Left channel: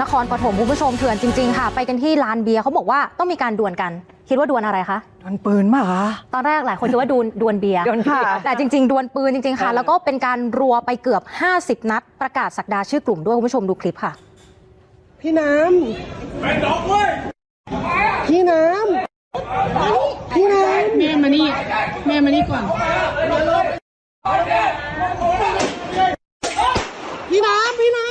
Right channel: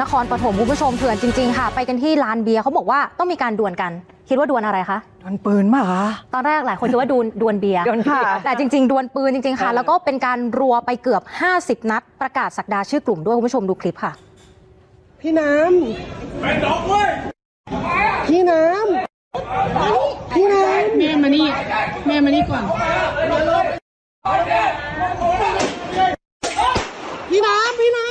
นครปฐมคุณผู้ชมเถื่อนจริงๆค่ะ ไปกันที่ร้านเบียร์เขาบอกว่าคิดว่าดวลอะไรคะดวลปืนมาหรอตอนแรกหลายคนคิดว่าดวลดวลเบียร์ดวลค่ะ แต่จริง ๆ ดวลปืนจริงๆค่ะ แล้วก็เป็นการรัวไปเกือบ 50 นัด ประกาศสักดาชื่อกลุ่มด้วยคุณผู้ชมดูคลิปค่ะ พี่น้แม่มานี่ แม่มานี่ก่อนำพี่น้ำพี่น้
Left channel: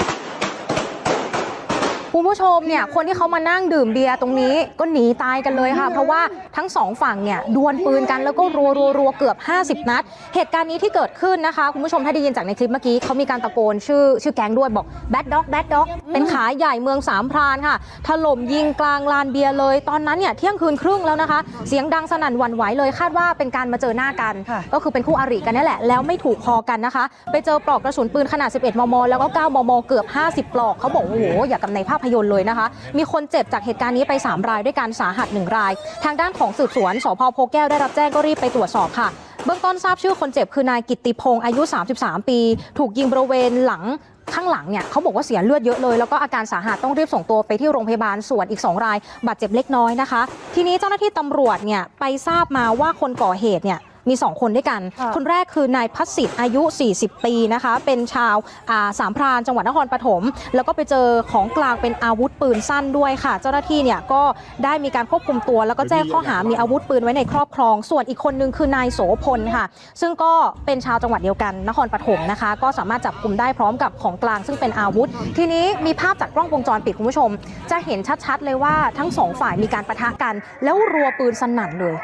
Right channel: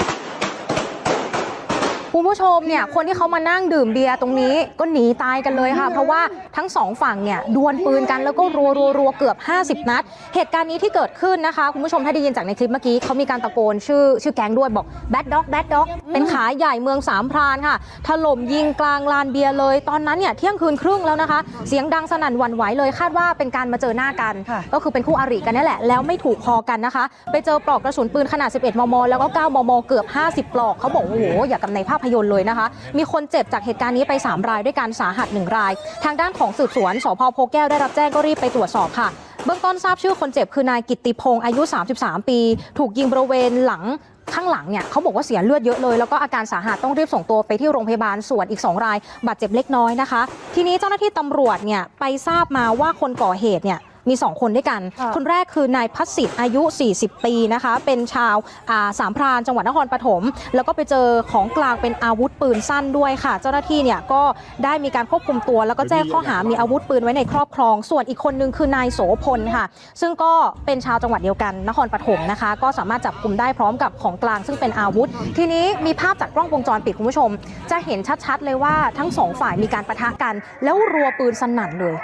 คุณผู้ชมเนี่ยคนที่เขามานั่งดื่มเบียร์ตรงนี้ก็หนีตายกันเลยค่ะ เพราะว่าทั้งสองฝั่งเนี่ยดวลปืนกันแล้วก็รัวรัวรัวเกือบ 50 นัด เหตุการณ์นี้ที่เกิดขึ้นนะคะคุณผู้ชมถ้าได้ยินจากในคลิปเมื่อกี้เขามีการตะโกนชื่อชื่อแก๊งด้วยบอกแบดด็อกแบดด็อกเป็นขาใหญ่เมืองสามพรานค่ะถล่มยิงกลางลานเบียร์เลย ตอนนั้นเนี่ยเที่ยงคืนครึ่งแล้วนะคะ เสียงดังสนั่นหวั่นไหวเลยคาดว่าเป็นการมาเจอหน้ากัน ก็คือเป็นคู่อริกันนั่นแหละแล้วไม่ถูกคอกันนะคะ ไปเจอปลอกกระสุนปืนขนาด 11 มม แล้วก็ 9 มม เกือบ 50 ปลอกเขาบอกว่าโอ้โหอย่ากับในภาพยนตร์เลยนะคะ มีคนเจ็บจากเหตุการณ์นี้ไป 3 รายด้วยกันสาหัส 1 ราย ทางด้านของสืบสวนสพโพแก้วได้รับแจ้งก็รีบไปตรวจสอบค่ะเบื้องต้นทราบชื่อคนเจ็บคือนายกิตติพงศ์อายุ 33 ปี ถูกยิงบริเวณหลังข้างหลังเนี่ยเขาบอกว่าเสียเลือดเยอะเลย แล้วก็อาการสาหัสต้องรีบส่งตัวไปที่โรงพยาบาลส่วนอีก 2 ราย บาดเจ็บเล็กน้อยนะคะ ทีนี้เจ้าหน้าที่ตำรวจเนี่ยไปทราบมาว่าคนก่อเหตุเนี่ย มี 2 คนด้วยกัน คนแรกคือนายพัศสิทธิ์อายุ 40 ปีนะคะ เป็นชาวอ่าสามพรานจังหวัดนครปฐม แล้วก็ไปเจอของกลางเป็นอาวุธปืนสั้นด้วยค่ะ เจ้าหน้าที่เนี่ยก็ได้มีการควบคุมตัว แล้วก็แจ้งข้อหามีอาวุธปืนไว้ในครอบครอง ส่วนอีกคนนึงคือนายโสพลค่ะ ซึ่งก็เป็นชาวจังหวัดเดียวกันนครปฐมนะคะ ก็สามารถจับกลุ่มได้พร้อมกับของกลางซึ่งเป็นอาวุธ ทีนี้มีภาพจากกล้องวงจรปิดคุณผู้ชม จะเห็นชัดๆเลยว่าทั้งสองฝ่ายมีการปะทะกัน แล้วรัวปืนสนั่นเลย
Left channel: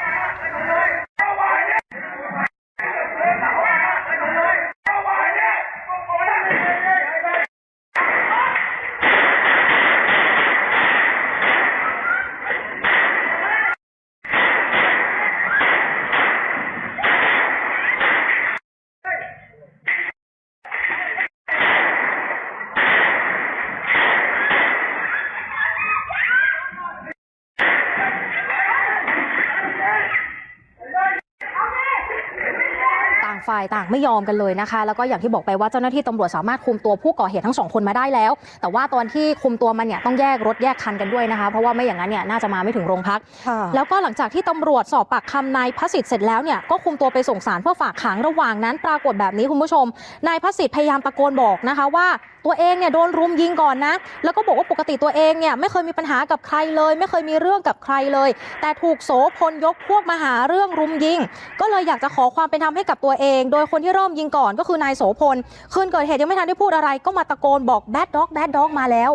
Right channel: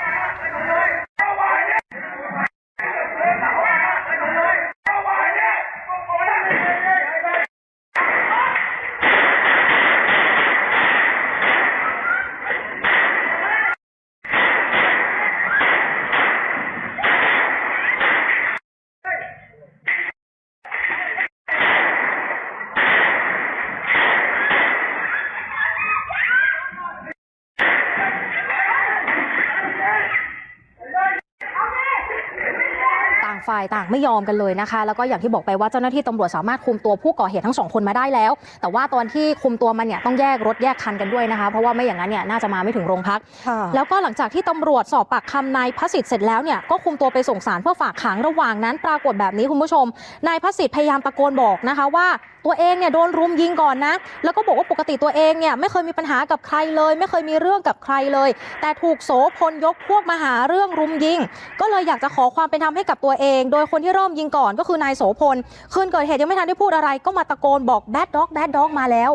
ฝ่ายต่างไม่ยอมกันเลยนะคะ แล้วก็อย่างที่บอกไปว่าเจ้าหน้าที่ตำรวจสามารถคุมตัวผู้ก่อเหตุทั้งสองคนมาได้แล้ว แต่ว่าตอนที่คุมตัวมันเนี่ยต้องแยกรถแยกคันกันด้วยนะคะ เพราะว่าไม่อย่างนั้นเนี่ยน่าจะมาไม่ถึงโรงพักค่ะแล้วก็หลังจากที่ตำรวจสอบปากคำนายพระสิทธิ์เสร็จแล้วเนี่ยก็คุมตัวไปส่งสารเพื่อฝากขังระหว่างนั้น ปรากฏแบบนี้คุณผู้ชม นายพระสิทธิ์พยายามตะโกนบอกนะคะว่าตัวเองเนี่ยโดนรุมยิงก่อนนะ แล้วก็บอกว่าปกติตัวเองเนี่ยไม่เคยมีปัญหากับใครเลย ไม่เคยมีเรื่องกับใครเลย แต่ถูกโสพลยกพวกมาหาเรื่องรุมยิง ก็เลยอยากจะขอความเป็นธรรมให้กับตัวเองโดยคนที่เริ่มยิงก่อนก็คือนายโสพล คืนเกิดเหตุยังไม่ทันได้พูดอะไร ก็มาตะโกนบอกแบดด็อกแบดด็อกมาแล้ว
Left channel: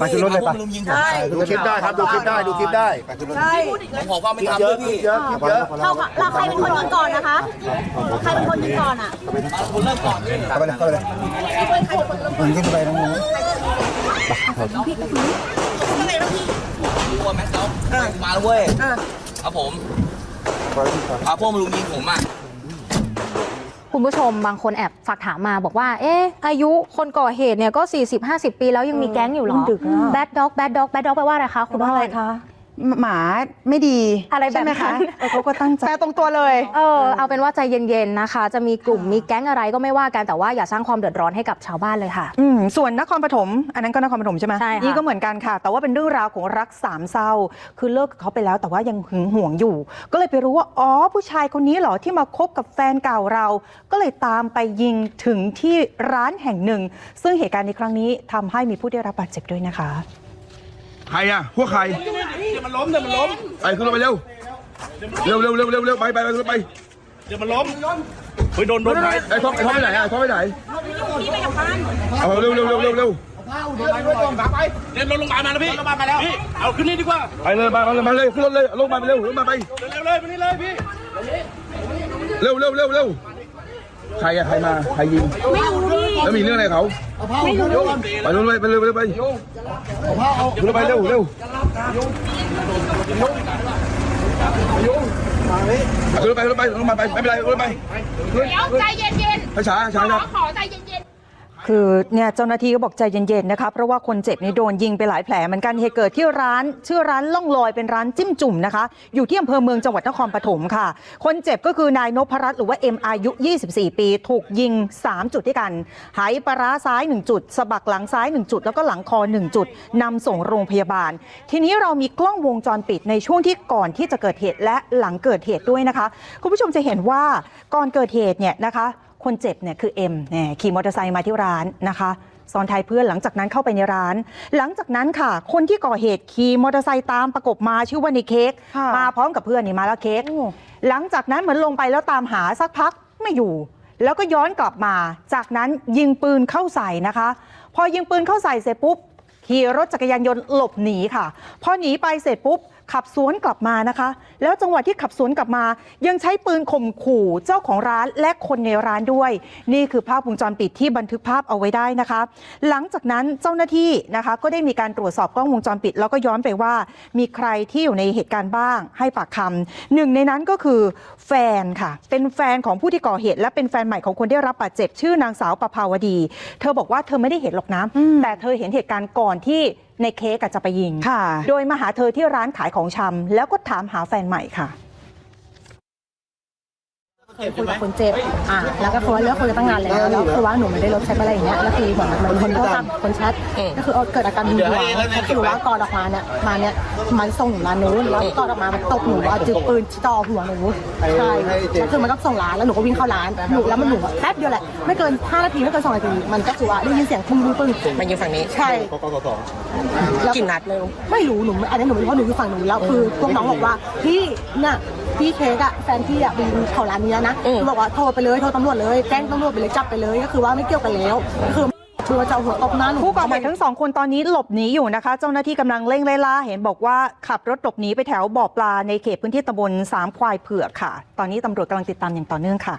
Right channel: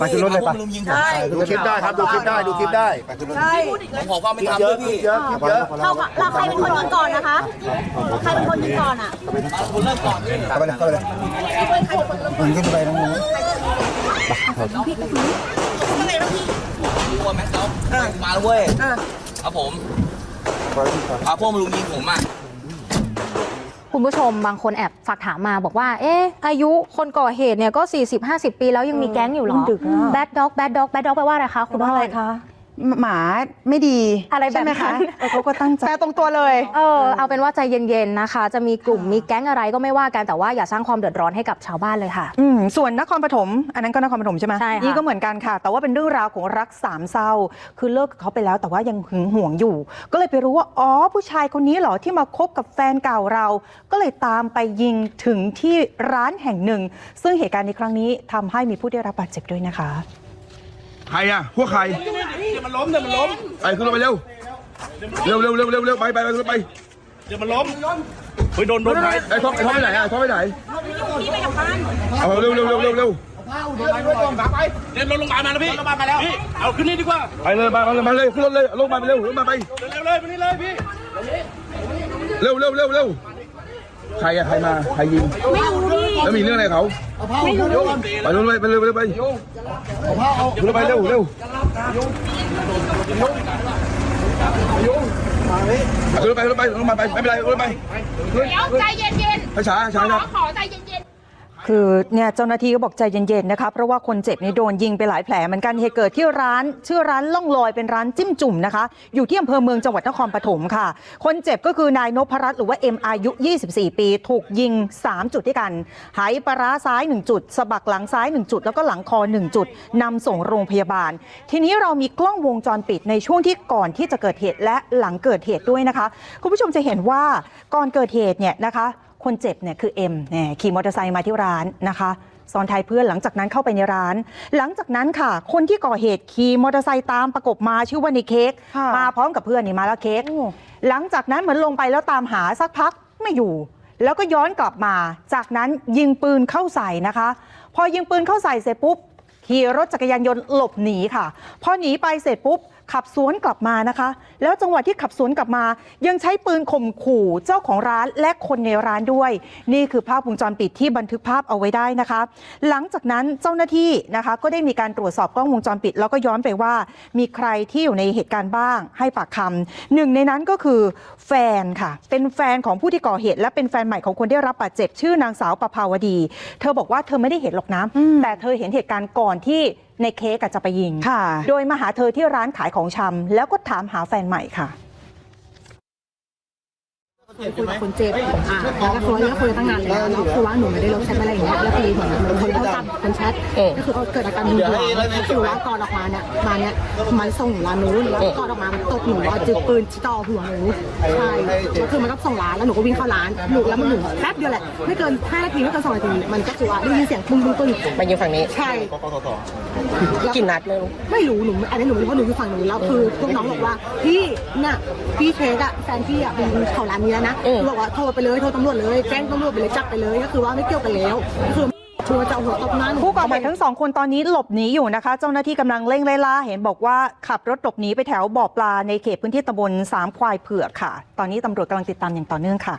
ไปขึ้นรถเลยปะลุมยิงผมดูคลิปได้ครับดูคลิปได้ดูคลิปได้ผมขอความเป็นธรรมด้วยพี่เยอะคลิปเยอะเราเราใครเป็นคนยิงก่อนนะคะใครเป็นคนยิงก่อนอะเข้าไปเลยเข้าไปเลยมึงขึ้นไปตรงนี้ คุณผู้ชมบางคนแอบฝากถามมาบอกว่า เอ๊ะ อายุคนก่อเหตุเนี่ยก็ 40-50 ปีแล้วยังมีแก๊งอยู่เหรอมันดึกอะ แบดด็อกแบดด็อกแบดด็อกแปลว่าอะไรคะ คุณว่าว่าอะอะไรไรคะ หมาไม่ดีอะไรแบบใช่ไหมคะนั้น เออเขาก็ตั้งใจ แปลตรงตัวเลย เออเอาเป็นว่าใจเย็นๆนะคะ จะมีกลุ่มมีแก๊งอะไรก็ไม่ว่ากันแต่ว่าอย่าสร้างความเดือดร้อนให้กับชาวบ้านเลยค่ะ อืมส่วนนครปฐมอันนั้นก็นครปฐมใช่ไหมใช่ค่ะ นี่ก็เหมือนกันค่ะ แต่ว่าเป็นเรื่องราวของรักสามเศร้า คือเลิกกับเขาไปแล้วแต่ว่ายังหึงหวงอยู่ ก็เลยไปรู้ว่าอ๋อผู้ชายคนนี้เหรอที่มาคบกับแฟนเก่าเรา ก็เลยตามไปยิงถึงที่ร้านแห่งหนึ่ง ซึ่งเหตุการณ์ในครั้งนี้ทำให้มีผู้ได้รับบาดเจ็บด้วยนะคะ ใครอะ พวกใครเดี๋ ยวมันล้มเดี๋ยวมันล้มไปขึ้นรถไปเร็วเร็วเร็วเร็วเร็วเร็วไปไปไปขึ้นรถไปเดี๋ยวมันล้มเฮ้ยโดนโดนไหนไอ้ท็อปไอ้ท็อปไปไหนอะท็อปไปไหนเอาเร็วเร็วเร็วเร็วเร็วเดี๋ยวรถโรงพยาบาลมาแล้วพี่รถโรงพยาบาลมาแล้วพี่เอาขึ้นนี่ดีกว่าไปเลยมาเลยมาเลยขึ้นรถเลยลงมาไปเร็วลงมาไปเร็วเลยไปนี่เลยพี่เร็วเร็วเร็วเร็วใครอะใครมาใครยิงแล้วมีเรื่องอะไรเขาไปรถไปไปเร็วไปเร็วไปขึ้นรถไปเร็ว เร็วขึ้นรถไปไปไปไปไปไปไปไปไม่เป็นไรขึ้นรถไปเดี๋ยวใจเย็นช้าช้าช้าๆขอใจเย็น คือเนี่ยเจ้าหน้าที่ก็บอกใจเย็นๆนะคะเพราะว่าคนเจ็บนี่โดนยิงไปหลายแผลเหมือนกันเหตุเกิดที่ร้านชื่อร้านล่องลอยเป็นร้านจิ้มจุ่มนะคะ อยู่ที่อำเภอเมืองจังหวัดนครปฐมค่ะ คนเจ็บก็คือนายนพรัตน์หรือว่าเอ็มอายุ 24 ปี ถูกยิง 3 จุดด้วยกันหปลาร้าซ้าย 1 จุดสะบักหลังซ้าย 1 จุด แล้วก็หลังคอ 1 จุดนำส่งโรงพยาบาล ทีนี้เรามีกล้องวงจรปิดในช่วงที่ก่อนที่จะเกิดเหตุและหลังเกิดเหตุด้วยนะคะ คุณผู้ชมจะเห็นว่าก่อนเกิดเหตุเนี่ยนะคะ คนเจ็บเนี่ยคือเอ็มเนี่ยขี่มอเตอร์ไซค์มาที่ร้านนะคะซ้อนท้ายเพื่อนหลังจากนั้นเข้าไปในร้าน หลังจากนั้นค่ะ คนที่ก่อเหตุขี่มอเตอร์ไซค์ตามประกบมาชื่อว่าในเค้กค่ะมาพร้อมกับเพื่อนนี่มาแล้วเค้กหลังจากนั้นเหมือนลงไปแล้วตามหาสักพักไม่อยู่ แล้วก็ย้อนกลับมา จากนั้นยิงปืนเข้าใส่นะคะ พอยิงปืนเข้าใส่เสร็จปุ๊บขี่รถจักรยานยนต์หลบหนีค่ะ พอหนีไปเสร็จปุ๊บ ขับสวนกลับมานะคะ แล้วจังหวะที่ขับสวนกลับมา ยังใช้ปืนข่มขู่เจ้าของร้านและคนในร้านด้วย นี่คือภาพวงจรปิดที่บันทึกภาพเอาไว้ได้นะคะ หลังจากนั้นเจ้าหน้าที่นะคะก็ได้มีการตรวจสอบกล้องวงจรปิด แล้วก็ย้อนไปว่า มีใครที่อยู่ในเหตุการณ์บ้าง ให้ปากคำหนึ่งในนั้นก็คือแฟนค่ะ เป็นแฟนของผู้ที่ก่อเหตุ และเป็นแฟนใหม่ของคนได้รับบาดเจ็บชื่อนางสาวประภาวดี เธอบอกว่าเธอไม่ได้เห็นหรอกนะแต่เธอเห็นเหตุการณ์ก่อนที่ในเค้กอะจะไปยิงค่ะโดยมาหาเธอที่ร้านขายของชำแล้วก็ถามหาแฟนใหม่ค่ะ คนเจ็บอ่าแล้วก็คือเลิกคุยตั้งนานแล้วแล้วคือว่าหนูไม่ได้ลบแชทอะไรอย่างเงี้ยแล้วคือเหมือนเหมือนคนก็ตัดคนแชทก็คือเอาเกิดอาการคือหนูว่างกอดออกมาเนี่ยมาเนี่ยมาส่งหนูร้านนู้นแล้วกอดออกมามันตกหนูว่าจุดปืนที่ต่อหัวหนูใช่คือมันก็ส่งร้านแล้วหนูก็วิ่งเข้าร้านหนูแล้วมันหนูแป๊บเดียวแหละไม่เกิน5นาทีไม่เกิน2นาทีมันก็คือว่าได้ยินเสียงปุ้งปุ้งปุ้งมันยิงฝั่งนี้ใช่กี่นัดไม่รู้หนูอันนี้หนูไม่รู้ว่าหนูอยู่ฝั่งหนูแล้วคือพวกน้องบอกว่าพี่เนี่ยพี่เคสอะแฟนพี่อะบินเขาร้านนี้นะบอกว่าโทรไปเลยโทรตำรวจเลยแจ้งตำรวจไปเลยจับไปเลยก็คือว่าไม่เกี่ยวกันแล้วคือชัวร์จะเอาหัวตบหน้าหนูผู้ก่อเหตุทั้งสองคนตอนนี้หลบหนีอยู่นะคะ เจ้าหน้าที่กำลังเร่งไล่ล่าเห็นบอกว่าขับรถหลบหนีไปแถวบ่อปลาในเขตพื้นที่ตำบลสามควายเผือกค่ะ ตอนนี้ตำรวจกำลังติดตามอย่างต่อเนื่องค่ะ